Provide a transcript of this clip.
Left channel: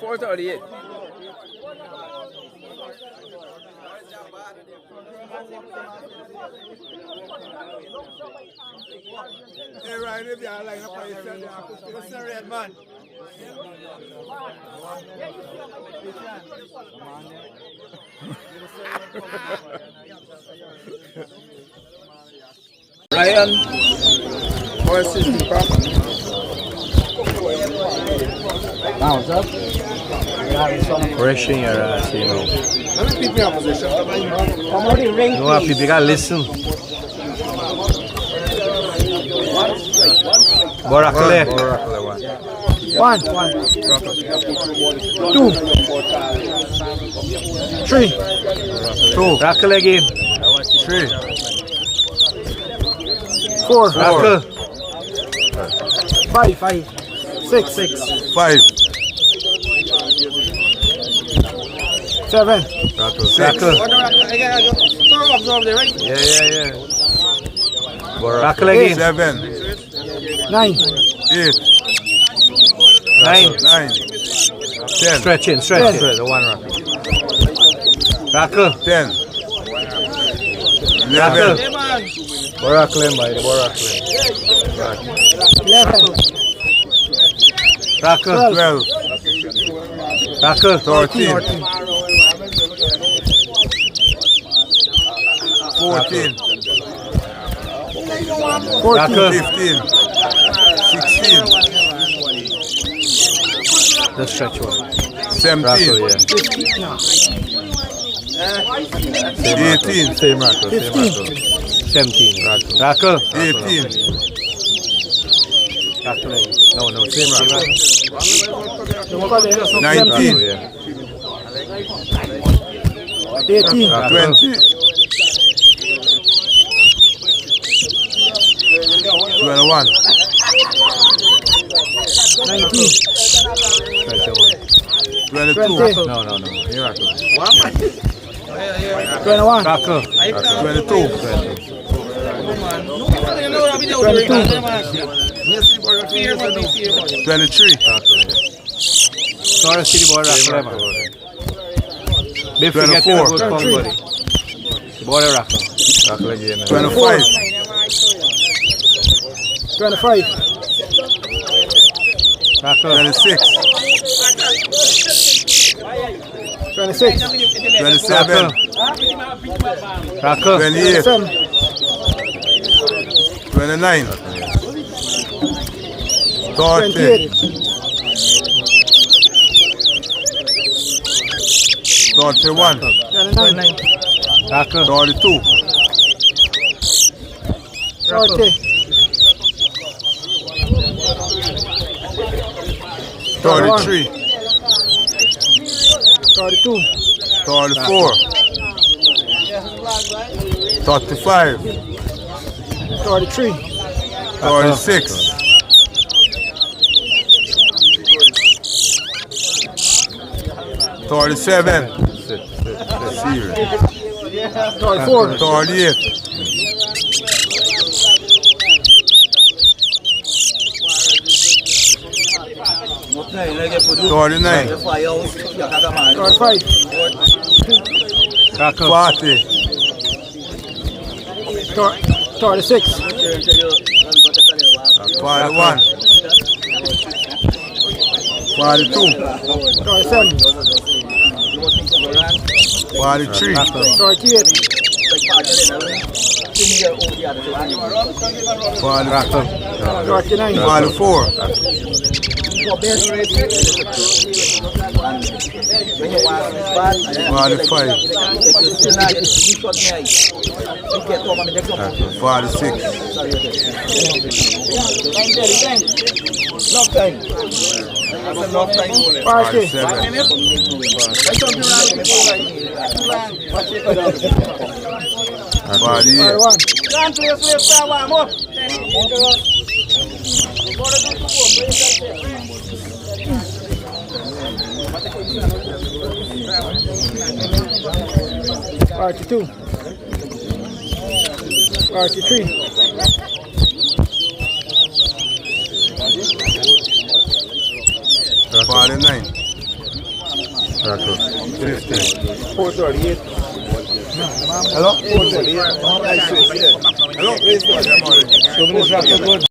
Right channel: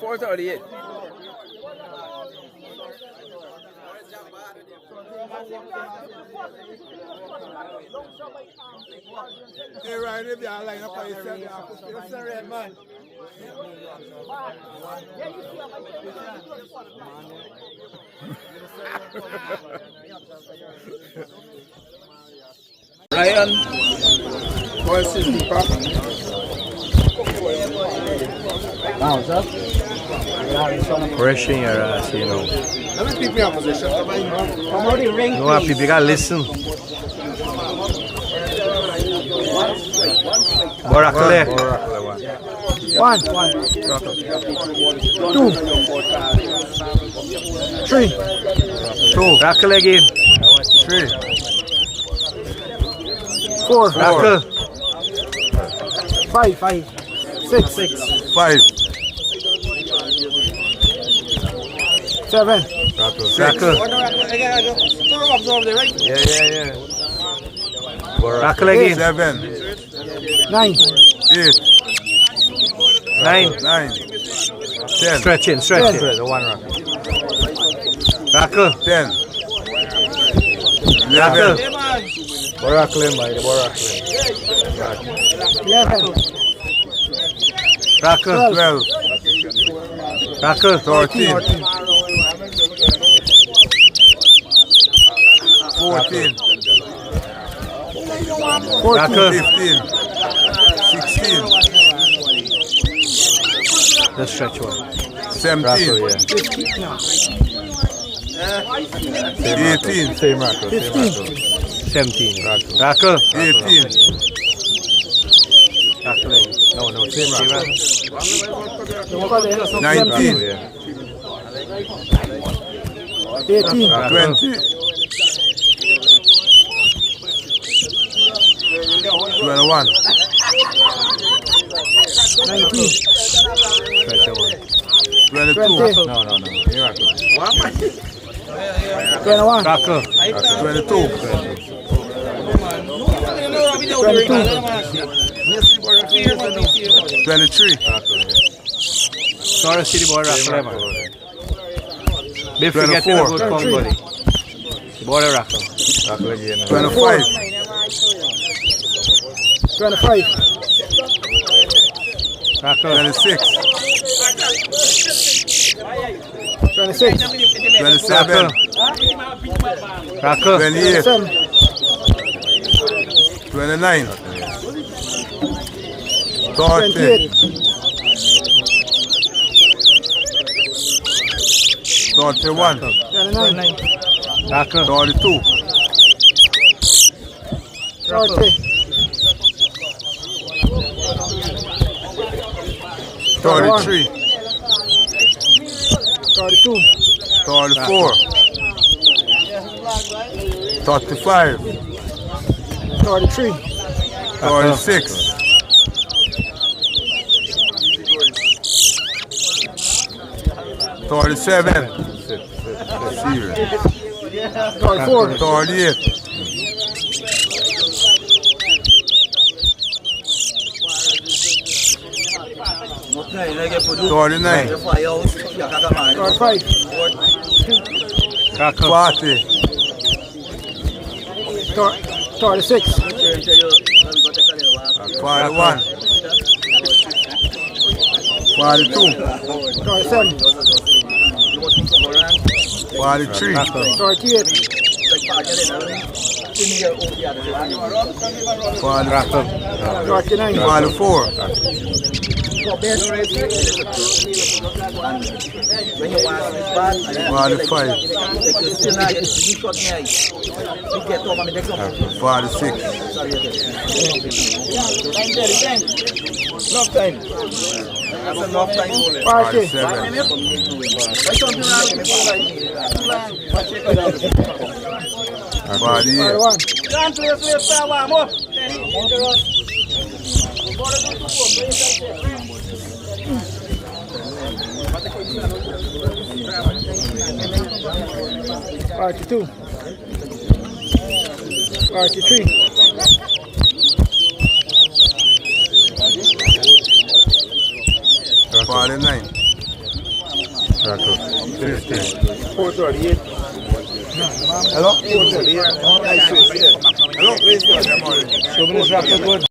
$4.38. Hey, Ryan, if you are like up on yourself, what's the red man? Ryan versus DEEPAK. Bounce up. Rushing your ass, you know. How many people in position? You have people gotta listen. Borakle. One. 2. 3. 2. Rakle again. 3. 4. Rakle. 5. 6. 5. 7. Rakle. Yeah. Rakle again. 7. 9. 8. 9. 10. Stretch in. The one Rakle. Rakle. 10. Rakle. 11. Borakle, by the Borakle. 11. Rakle. 12. Rakle. 13. 14. Rakle. 15. 16. Let's stretch one. 17. Rakle, yeah. 18. Same Rakle. 15. 17. Rakle. 18. Rakle. No, same Rakle. 19. 18. 20. 21. 19. 22. 20. No. Miracle. 21. Rakle. 22. 22. 23. Sorry, city boy Rakle. They forget 24. to go to buddy. Boy Rakle. Rakle again. 25. 25. Rakle. 26. 26. 27. Rakle. 28. 27. 29. 30. 28. 31. 29. Rakle. 32. 30. 33. 32. 34. 35. 33. 36. 37. Serious. 34. 38. 39. 35. Rakle. 40. 36. 41. 42. 37. 43. 38. 39. 44. 45. 46. 42. 43. Rock out. 49. Rock out. 50. 438. Hello? 438. Hello? 2 minutes rock out good.